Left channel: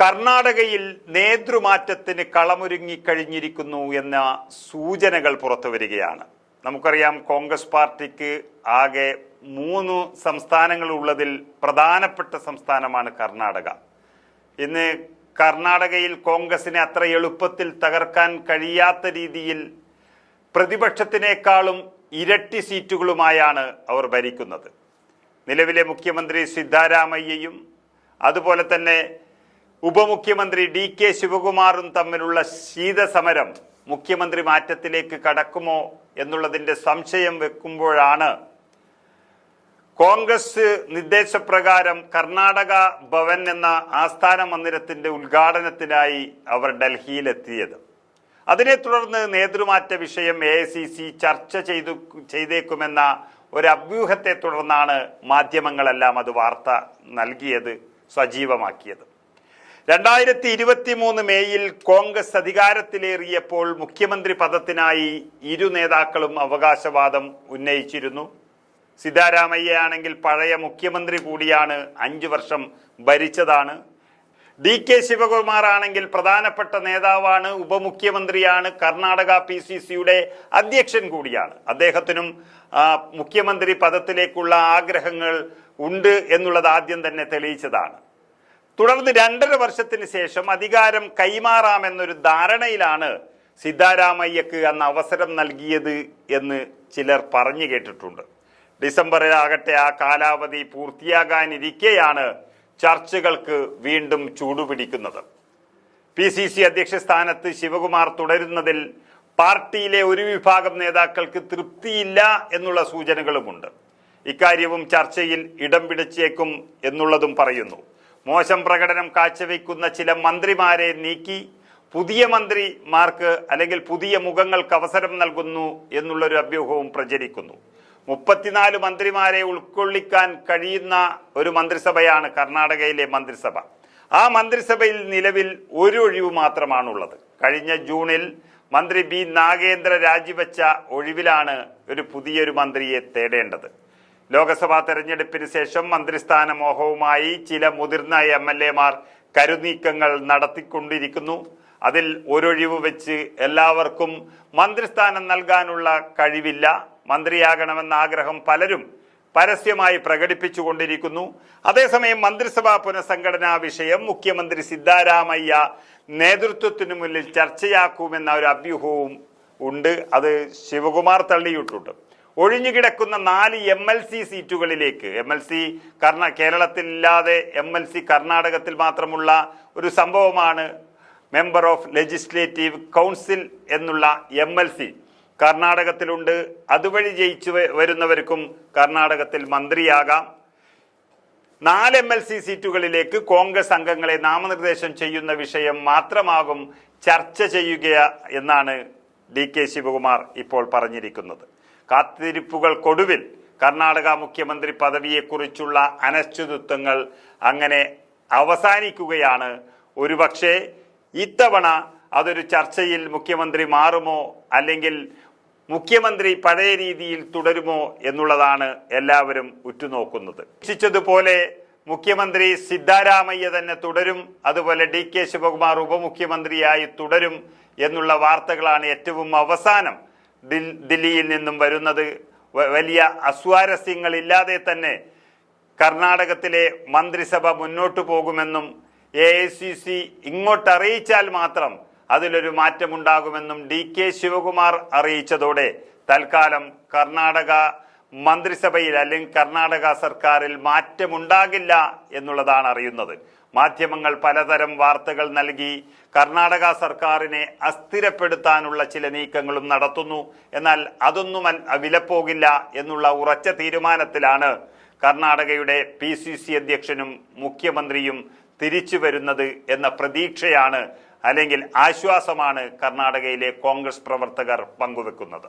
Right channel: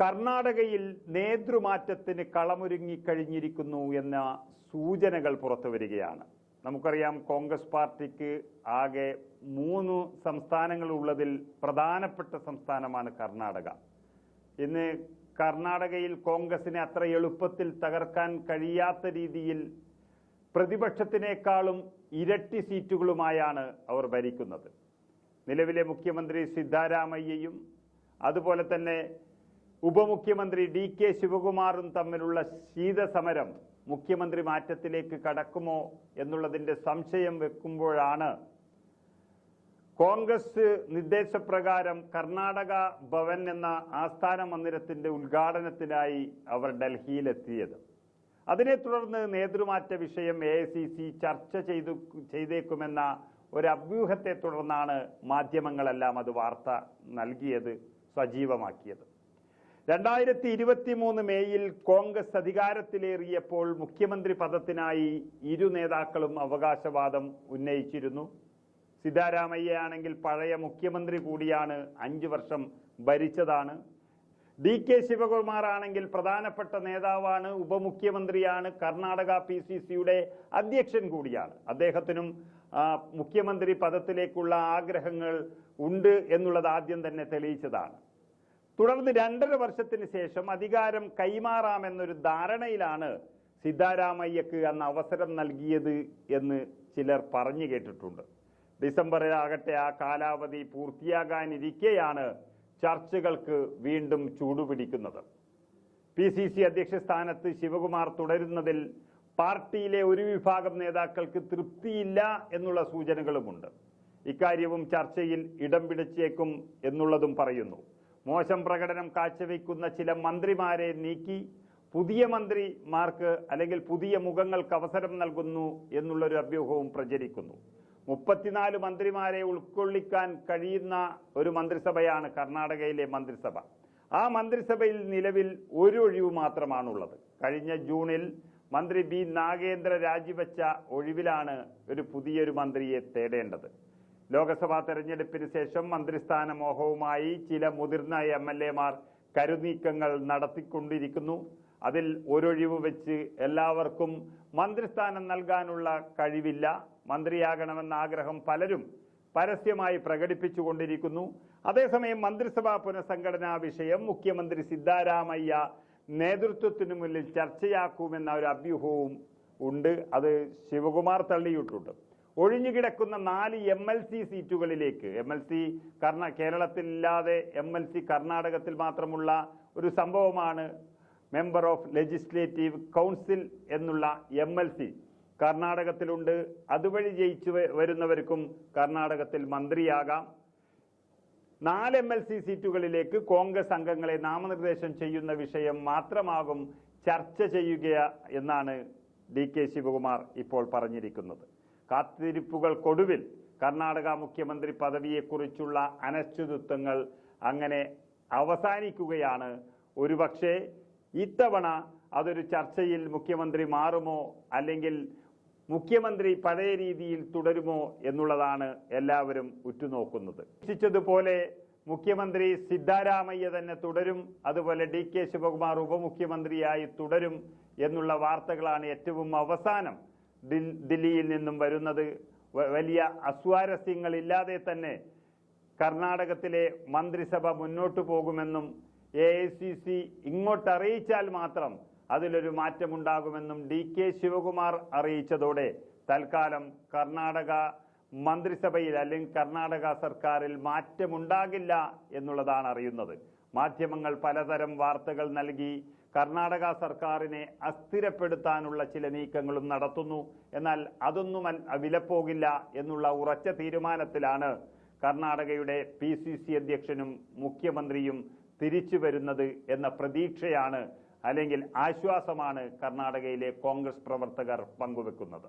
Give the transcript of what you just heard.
കർണാടകയിൽ നേതൃമാറ്റത്തിന് കളമൊരുങ്ങിക്കഴിഞ്ഞിരിക്കുന്നു എന്ന സൂചനകൾ പുറത്തു വരികയാണ്. നമുക്കറിയാം, കോൺഗ്രസ് പാർട്ടിക്ക് ആകെ 3 സംസ്ഥാനങ്ങളുള്ളതിൽ പ്രധാനപ്പെട്ട സംസ്ഥാനമാണ് കർണാടക. ഇന്ന് കർണാടകയിൽ കോൺഗ്രസിനെ അത്ര എളുപ്പത്തിൽ തകർക്കാൻ കഴിയാത്ത രീതിയിൽ പ്രതിപക്ഷത്തിനേക്കാളും ഇരട്ടി സീറ്റുകളുമായാണ് അവർ ഭരിക്കുന്നത്. നിലവിലെ മുഖ്യമന്ത്രി സിദ്ധാരാമയ്യയും അതുപോലെ തന്നെ ഉപമുഖ്യമന്ത്രി DK ശിവകുമാറും തമ്മിലുള്ള ശീതസമരം മുഖ്യമന്ത്രി മാറ്റത്തിലേക്ക് കടക്കുമോ എന്നുള്ളതിൻ്റെ സംശയം വെക്കുമ്പോഴാണ് കോൺഗ്രസ് നിർദ്ദേശപ്രകാരം കർണാടക ഭവൻ എന്ന ആസ്ഥാന മന്ദിരത്തിൻ്റെ ഉദ്ഘാടനത്തിനായി അവർ ഡൽഹിയിലെത്തിയത്. അതിനെ തുടർന്ന് നേതൃമാറ്റ വിഷയം AICC ചർച്ച ചെയ്തേക്കുമെന്ന ഒരു അഭ്യൂഹത്തെ തുടർന്നാണ് മാധ്യമങ്ങളെല്ലാം അത് വാർത്ത നൽകിയത്, സജീവമാക്കിയത്. 2023 മേയിൽ കോൺഗ്രസ് അധികാരത്തിലേറിയപ്പോൾ മുഖ്യമന്ത്രി പദത്തിനായി ഇരു നേതാക്കളും അവകാശവാദം ഉന്നയിച്ചിരുന്നു. സിദ്ധാരാമയ്യയാണെങ്കിൽ പഴയ മുഖ്യമന്ത്രി കൂടിയാണ്, 5 വർഷം ഭരിച്ചതാണ്. DK ശിവകുമാർ ആണെങ്കിൽ പ്രധാനപ്പെട്ട നേതാവാണ്, ഉപമുഖ്യമന്ത്രിയാണ്, കർണാടക PCCയുടെ അധ്യക്ഷൻ കൂടിയാണ്. അദ്ദേഹത്തിനും മുഖ്യമന്ത്രി പദത്തിലേക്കുള്ള ആഗ്രഹങ്ങൾ ഉണ്ട് എന്നുള്ളത് ആദ്യം തന്നെ തെളിയിച്ചതാണ്. തുടർന്ന് 2.5 വർഷത്തിന് ശേഷം അധികാരം കൈമാറാമെന്നൊരു ധാരണയിലാണ് സിദ്ധാരാമയ്യക്ക് അന്ന് അവസരം നൽകിയത് എന്ന് ചിലർ പറഞ്ഞു കേട്ടിട്ടുണ്ട്. ഡിസംബറിലാകട്ടെ ആ കാലാവധി പൂർത്തിയാകാനിരിക്കെയാണ് ചർച്ചകൾക്ക് വീണ്ടും ചൂടുപിടിക്കുന്നത്. PCC അധ്യക്ഷ സ്ഥാനത്ത് ശിവകുമാർ തുടരുന്നതിൽ പാർട്ടിയിലെ ഒരു വിഭാഗം നേതാക്കൾക്ക് തൃപ്തിയില്ല എന്നുള്ള സൂചനകളുമുണ്ട്. ഇക്കാര്യവും ചർച്ചയിൽ ഇടം പിടിച്ചേക്കും എന്നുള്ളതും പറയുന്നു. മോശം പ്രകടനം കാഴ്ചവെക്കുന്ന ചില മന്ത്രിമാരെ നീക്കി പുതിയ മന്ത്രിമാർക്ക് അല്ലെങ്കിൽ പുതിയ മുഖങ്ങൾക്ക് അവസരം നൽകുന്നു എന്നുള്ളൊരു അഭ്യൂഹവും പ്രചരിക്കുന്നു. 34 മന്ത്രിമാരെ ഉൾക്കൊള്ളിക്കാൻ കഴിയുന്ന ഒരു മന്ത്രിസഭയാണ് കർണാടകയിലെ മന്ത്രിസഭ. ആ മന്ത്രിസഭയിൽ നിലവിൽ ഒരു ഒഴിവ് മാത്രമാണുള്ളത്. കഴിഞ്ഞ ജൂണിൽ മന്ത്രി B നാഗേന്ദ്ര രാജിവെച്ച ഒഴിവിലാണ് പുതിയൊരു മന്ത്രിയെ തേടേണ്ടത്. ലോക്സഭാ തെരഞ്ഞെടുപ്പിന് ശേഷം മന്ത്രിസ്ഥാന മോഹവുമായി ചില മുതിർന്ന MLA-മാർ കരുനീക്കങ്ങൾ നടത്തിക്കൊണ്ടിരിക്കുന്നു. അതിൽ ഒരൊഴിവ് വെച്ച് എല്ലാവർക്കും മന്ത്രിസ്ഥാനം നൽകാനുള്ള കഴിവില്ല. മന്ത്രിയാകണമെന്ന ആഗ്രഹം പലരും പരസ്യമായി പ്രകടിപ്പിച്ചുകൊണ്ടിരിക്കുന്നു. അതേസമയം മന്ത്രിസഭാ പുനഃസംഘടനാ വിഷയം മുഖ്യമന്ത്രി സിദ്ധാരാമയ്യ നേതൃത്വത്തിനു മുന്നിൽ ചർച്ചയാക്കുമെന്ന ഒരു അഭ്യൂഹവും ഉണ്ട്. അത് ശിവകുമാർ തള്ളിയിട്ടുണ്ട്. ഒഴിഞ്ഞുകിടക്കുന്ന 4 MLC സീറ്റുകളിലേക്ക്, MLC കേരളത്തിലില്ലാതെ MLC കർണാടകത്തിൽ മാത്രമുള്ള ഒരു സംഭവമാണ് മെമ്പർ ഓഫ് ലെജിസ്ലേറ്റീവ് കൗൺസിൽ എന്നുള്ള MLC. കർണാടകത്തിലുണ്ട്. അതുവഴി ജയിച്ചു വരുന്നവർക്കും കർണാടകത്തിൽ മന്ത്രിയാകാം. 4 MLC സീറ്റുകളിലേക്ക് കോൺഗ്രസ് അംഗങ്ങളെ നാമനിർദ്ദേശം ചെയ്യുന്ന വിഷയം മാത്രമാകും ചർച്ച ചെയ്യുക എന്നാണ് DK ശിവകുമാർ ഇപ്പോൾ പറഞ്ഞിരിക്കുന്നത്. കാത്തിരിപ്പുകൾക്കൊടുവിൽ കർണാടക മുഖ്യമന്ത്രി പദവിയെക്കുറിച്ചുള്ള അനിശ്ചിതത്വങ്ങൾ അങ്ങനെ അവസാനിക്കുകയാണ്. ഒരുപക്ഷെ ഇത്തവണ അതൊരു ചർച്ചയിൽ മുഖ്യമന്ത്രി മാറുമോ അല്ലെങ്കിൽ മുഖ്യമന്ത്രി പഴയ രീതിയിൽ തുടരുമോ എന്നുള്ളതാണ് എല്ലാവരും ഉറ്റുനോക്കുന്നത്. പ്രതീക്ഷിച്ചതുപോലെ മുഖ്യമന്ത്രി സിദ്ധാരാമയ്യ തന്നെ തുടരും, അതുപോലെ DK ശിവകുമാർ ഉപമുഖ്യമന്ത്രിയായി തുടരും എന്നുള്ള വാർത്തകളാണ് ഏറ്റവും അവസാനം ദില്ലിയിൽ നിന്നും വരുന്നത്. വലിയ അസ്വാരസ്യങ്ങളില്ലാതെ തന്നെ കർണാടകത്തിലെ മന്ത്രിസഭ മുന്നോട്ടു പോകുമെന്നും AICC ഇങ്ങോട്ടറിയിച്ചാൽ മാത്രം അതിലൊരു മാറ്റമുണ്ടാകുമെന്നും DK ശിവകുമാർ അറിയിച്ചതോടെ തൽക്കാലം കർണാടക മന്ത്രിസഭയിൽ അല്ലെങ്കിൽ കർണാടക സർക്കാരിൽ മാറ്റമുണ്ടാകില്ല എന്നുള്ളതാണ് അറിയുന്നത്. മാധ്യമങ്ങൾ പലതരം വാർത്തകൾ നൽകി കർണാടക സർക്കാരിനെ അസ്ഥിരപ്പെടുത്താനുള്ള ചില നീക്കങ്ങളും നടത്തുന്നു. എന്നാൽ അതൊന്നും വിലപ്പോകില്ല എന്നുള്ള ഉറച്ച തീരുമാനത്തിലാണ് കർണാടകയുടെ PCC അധ്യക്ഷനും മുഖ്യമന്ത്രിയും തിരിച്ചു വരുന്നത് എന്ന പ്രതീക്ഷയാണ് അല്ലെങ്കിൽ ആശ്വാസമാണ് കർണാടകയിലെ കോൺഗ്രസ് പ്രവർത്തകർ പങ്കുവെക്കുന്നത്.